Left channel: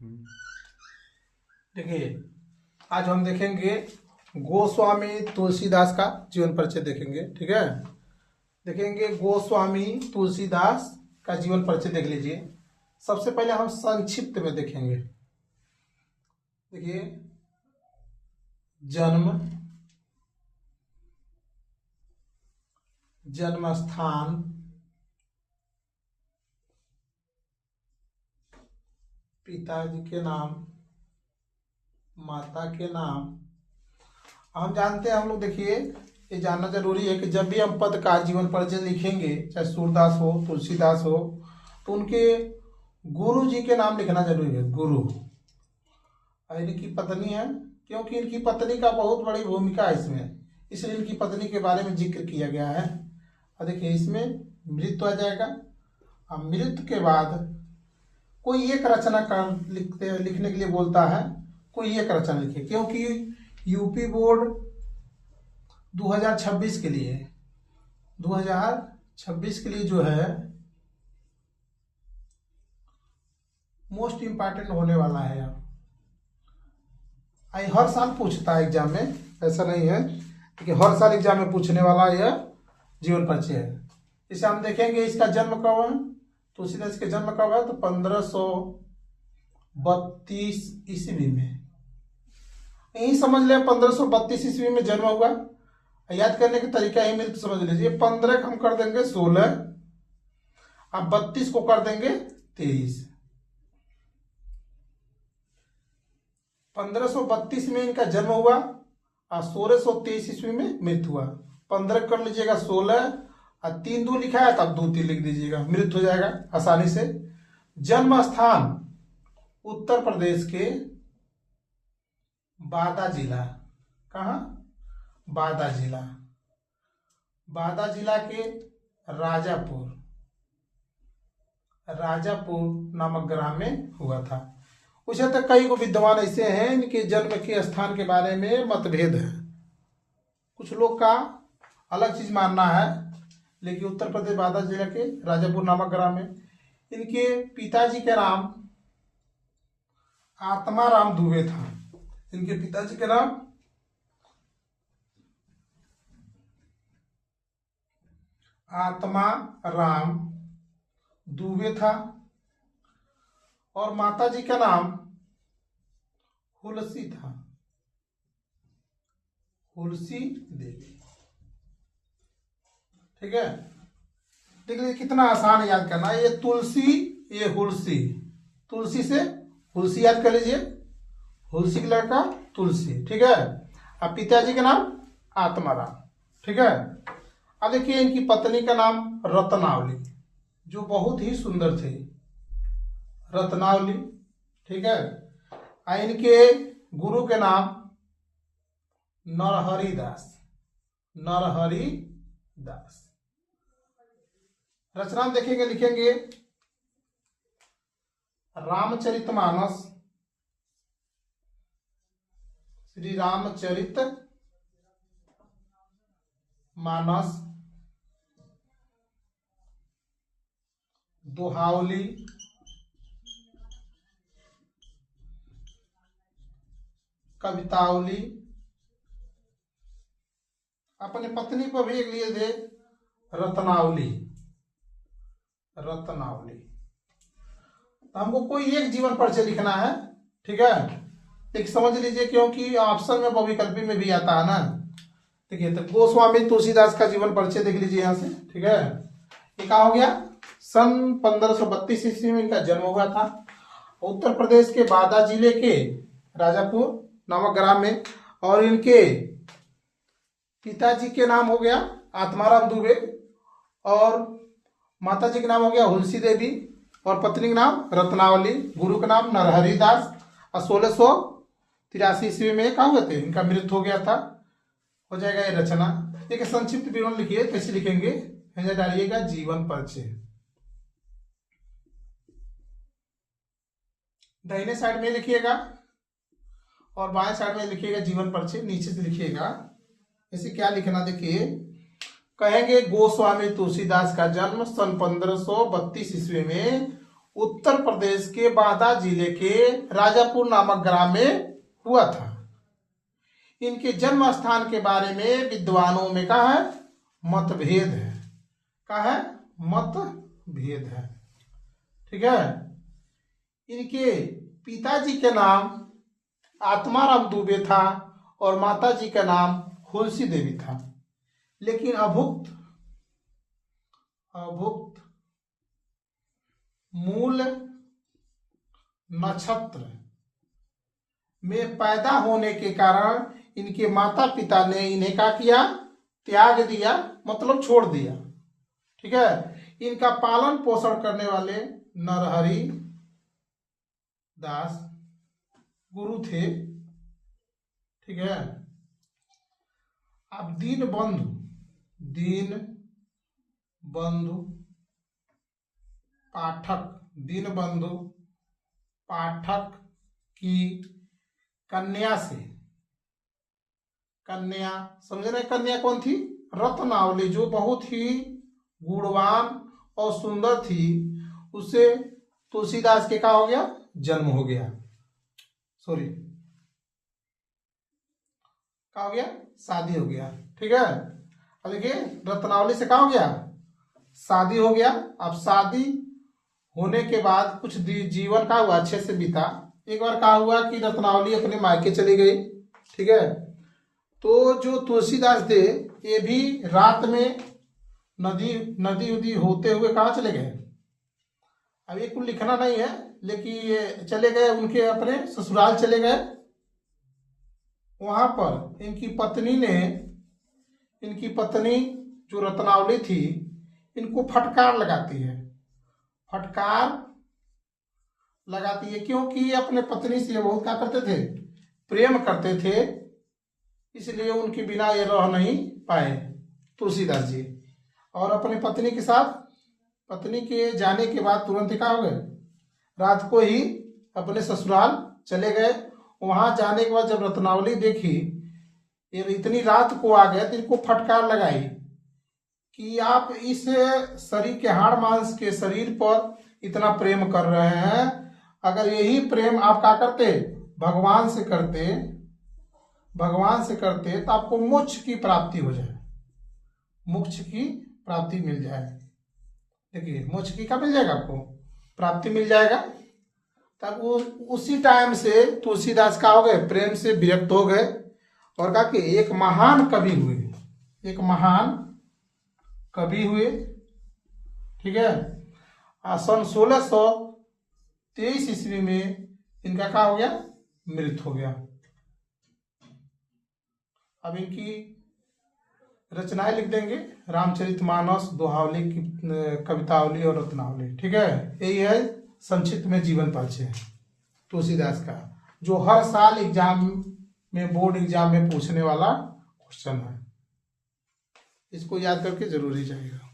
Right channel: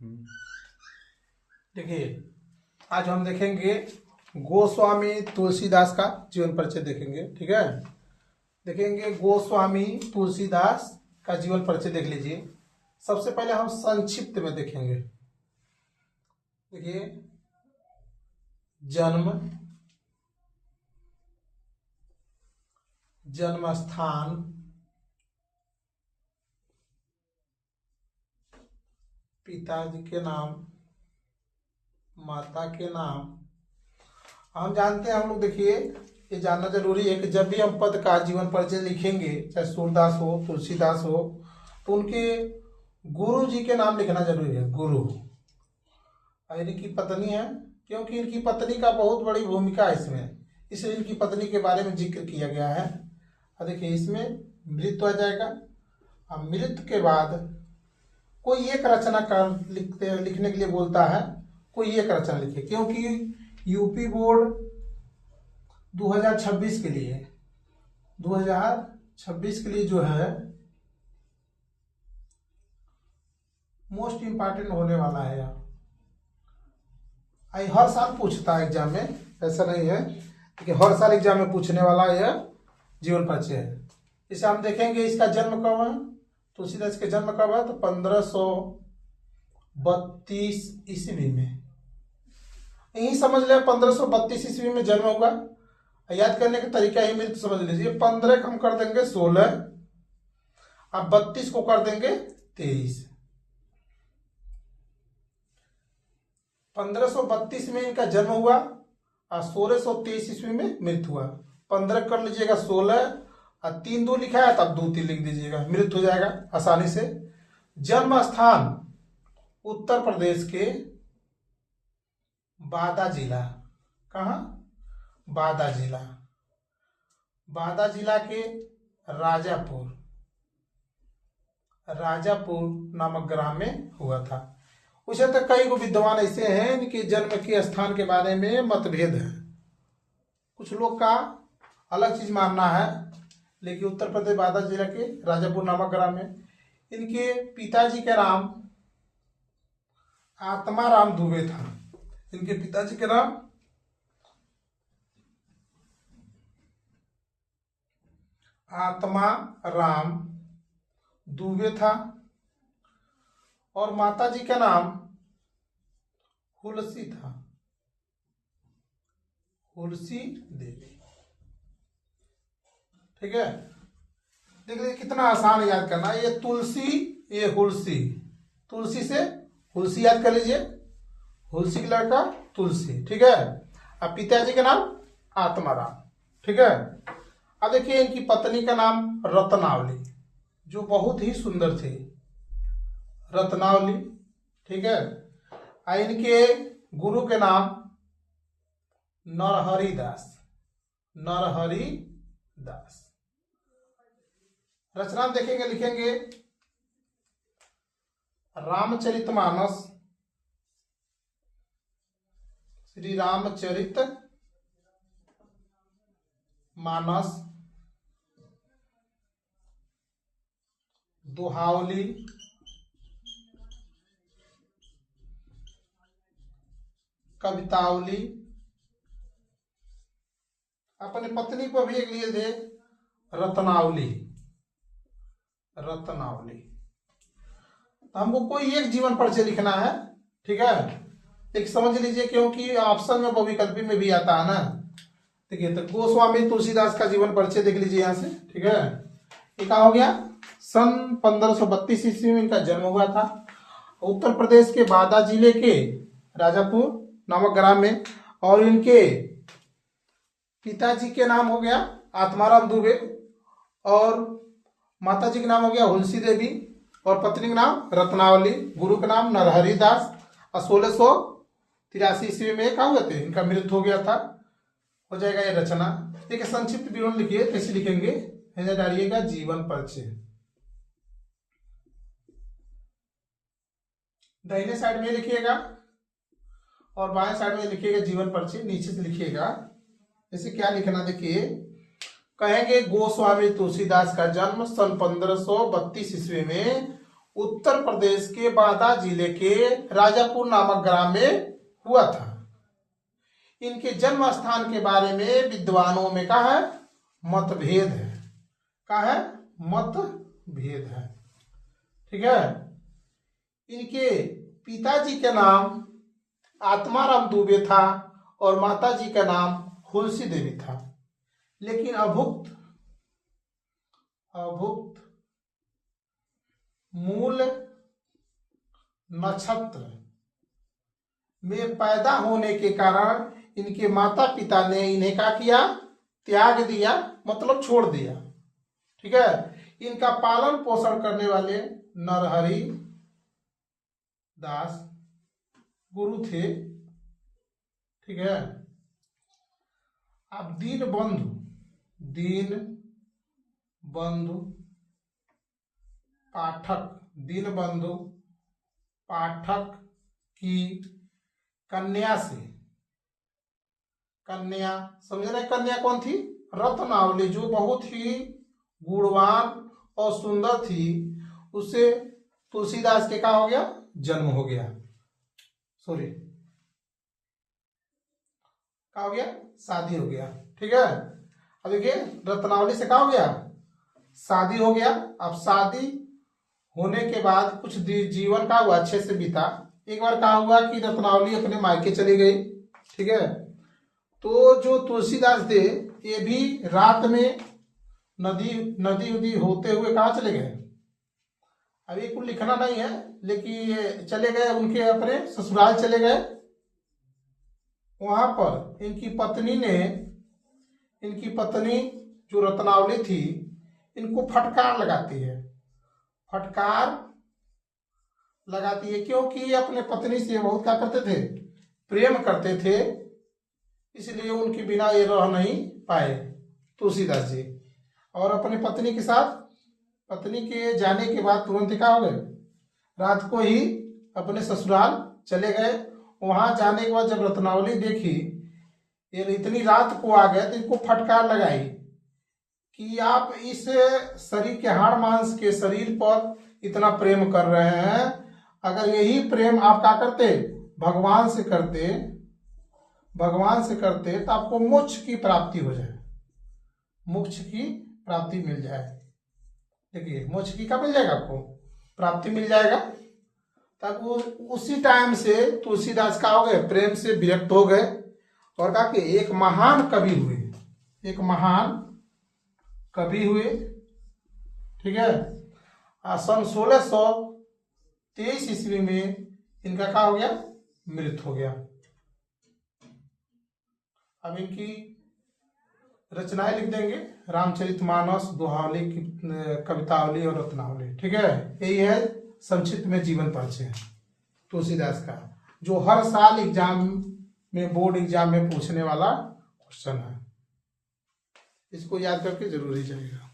देखिए, आज हम देखेंगे गोस्वामी तुलसीदास का जीवन परिचय देखेंगे। ठीक है, देखेंगे गोस्वामी तुलसीदास का जीवन परिचय देख लीजिए। सबसे पहले हम संक्षिप्त में देखेंगे। देखिए, जन्म स्थान, पिताजी के नाम, माता के नाम। हम जानते हैं, हम लोग देखिए, ये जानना जरूरी है कि जब भी हम पत्रकार जीवन परिचय लिखेंगे, चाहे सूरदास हो, तुलसीदास हो, तो उनके गुरु जी के नाम लिखना जरूरी है। गुरु और इनकी पत्नी है, क्योंकि इनकी पत्नी का बहुत बड़ी भूमिका है इसमें, इसलिए इनकी पत्नी के बारे में जिक्र किया गया है। और देखिए, इसमें मृत्यु आ जाएगा। अब मृत्यु के बाद कोई एक रचना कर लिखने के लिए बोलता है, कोई एक रचना लिखे, क्योंकि यूपी बोर्ड 2026 के लिए 2026 के लिए जो है मोस्ट इम्पॉर्टेंट होने वाला है। हर साल पूछता है एग्जाम में, ऐसा नहीं है कि हर साल एग्जाम में पूछने वाला यह जीवन परिचय है। इसे हम देखेंगे इसका जन्म कब है, तुलसीदास के जन्म कब है, तो 1532 ईस्वी में। यही समझ ले 1532 ईस्वी में जन्म हुआ। याद करने का तरीका ही मेरे समझ लीजिए। 15 हम कर देंगे 16, अब 32 को कर देंगे 23। 1532 में इनका जन्म हुआ और 1623 ईस्वी में मृत्यु हुआ। 15 कर लीजिएगा 16 और 3 2 लिखा है, तब 2 3 लिख दीजिएगा, मृत्यु हो जाएगा आसानी से। जन्म स्थान उत्तर प्रदेश के बादा जिला। कहाँ? बादा जिला। बादा जिला के राजापुर नामक ग्राम में हुआ था। उसे तो कई को विद्वान ऐसे हैं इनके जन्म के स्थान के बारे में मतभेद है। कुछ लोग का अलग चीज मानना है, लेकिन उत्तर प्रदेश बादा जिला के राजापुर नामक ग्राम में इनके पिताजी का नाम आत्माराम दुबे था। इनके पिताजी का नाम आत्माराम दुबे था और माताजी का नाम हुलसी था, हुलसी देवी। ठीक है, देखिए कितना आसान है याद करना। ये तुलसी, ये हुलसी, तुलसी से हुलसी याद कर लीजिए, हुलसी का लड़का तुलसी। ठीक है, अब पिताजी का नाम आत्माराम। ठीक है, अब देखिए इनकी पत्नी का नाम रत्नावली, जो बहुत ही सुंदर थी, रत्नावली। ठीक है, और इनके गुरु के नाम नरहरि दास। रचना देखेंगे, लिखेंगे रामचरितमानस, श्री रामचरित मानस, दोहावली, कवितावली। अपने पत्नी पर भी एक लिए थे रत्नावली। तो हमको कोई एक जीवन परिचय लिखना है। ठीक है, एक समझ लीजिए, क्योंकि ऑप्शन में बहुविकल्पी में भी आता है ना। देखिए, तो गोस्वामी तुलसीदास का जीवन परिचय देख लीजिए यहाँ से। ठीक है, ये क्या हो गया, सन 1532 ईस्वी में इनका जन्म हुआ था, उत्तर प्रदेश के बादा जिले के राजापुर नामक ग्राम में। और इनके पिताजी के नाम हो गया आत्माराम दुबे और माताजी का नाम हो गया हुलसी देवी और पत्नी का नाम रत्नावली, गुरु का नाम नरहरि दास। और 1683 ईस्वी में क्या हुए थे, इनका मृत्यु हो गया था। हो जाएगा ये रचना। एक संक्षिप्त विवरण लिखिए, कैसे लिखेंगे, डालिएगा जीवन परिचय। दाहिने साइड में लिखिएगा और बाएं साइड में लिखिएगा जीवन परिचय, नीचे से लिखिएगा। इसे क्या लिखना, देखिए कहेंगे गोस्वामी तुलसीदास का जन्म सन 1532 ईस्वी में उत्तर प्रदेश के बांदा जिले के राजापुर नामक ग्राम में हुआ था। इनके जन्म स्थान के बारे में विद्वानों में क्या है, मतभेद है। क्या है, मतभेद है। ठीक है। इनके पिताजी के नाम आत्माराम दुबे था और माताजी का नाम हुलसी देवी था। लेकिन अभुक्त मूल नक्षत्र में पैदा होने के कारण इनके माता पिता ने इन्हें क्या किया, त्याग दिया, मतलब छोड़ दिया। ठीक है। इनका पालन पोषण करने वाले नरहरि दास गुरु थे। ठीक है। अब दीनबंधु पाठक की कन्या से, कन्या समझ रहे, कन्या कौन थी, रत्नावली, जो बहुत ही गुणवान और सुंदर थी, उससे तुलसीदास के क्या हो गया, जन्म हो गया। सॉरी, क्या हो गया, शादी हो गया। ठीक है। अब देखिए, रत्नावली से क्या हो गया, शादी हो गया। अब शादी होने के बाद कुछ जीवन का हुआ, अच्छे से बीता। एक बार क्या हुआ कि रत्नावली अपने मायके चली गई। ठीक है। तो जो तुलसीदास थे, ये भी रात में नदी उदी होते हुए कहाँ चले गए। अब ये कुछ लिखना नहीं है, लेकिन ये चले गए, उनके अपने ससुराल चले गए। वहां पर इनकी पत्नी जो रत्नावली थी, इनको फटकार लगाती है। क्योंकि ये अपने पत्नी से बहुत क्या करते थे, प्रेम करते थे, इसलिए उनके बिना ये रह नहीं पाए तुलसीदास जी। और अपने पत्नी के साथ, पत्नी के जाने के बाद तुरंत क्या हो गए, रात को ही अपने ससुराल चले गए। वहां जाने के बाद जब रत्नावली देखी ये इतनी रात को आ गए, तो इनको फटकार लगाई कि आप इस शरीर के हाड़ मांस के शरीर पर इतना प्रेम कर रहे हैं, अगर यही प्रेम आप क्या करते, भगवान से करते तो आपको मोक्ष की प्राप्ति हो जाए, मोक्ष की प्राप्ति मिल जाए। देखिए, मोक्ष की क्या मिल जाएगा, आपको प्राप्ति मिल जाएगा। तब उसी टाइम से तुलसीदास का हो गए, प्रेम से विरक्त हो गए और कहा कि एक महान कवि हुए। ठीक है। सन 1623 ईस्वी में इनका क्या हो गया, मृत्यु हो गया। अब इनकी रचनाएं लिख देंगे, रामचरितमानस, दोहावली, कवितावली और रत्नावली। ठीक है। यही है संक्षिप्त में जीवन परिचय तुलसीदास का, जो हर साल एग्जाम में, बोर्ड एग्जाम में पूछने वाला क्वेश्चन है। इसको याद करके जरूर ही जाएगा।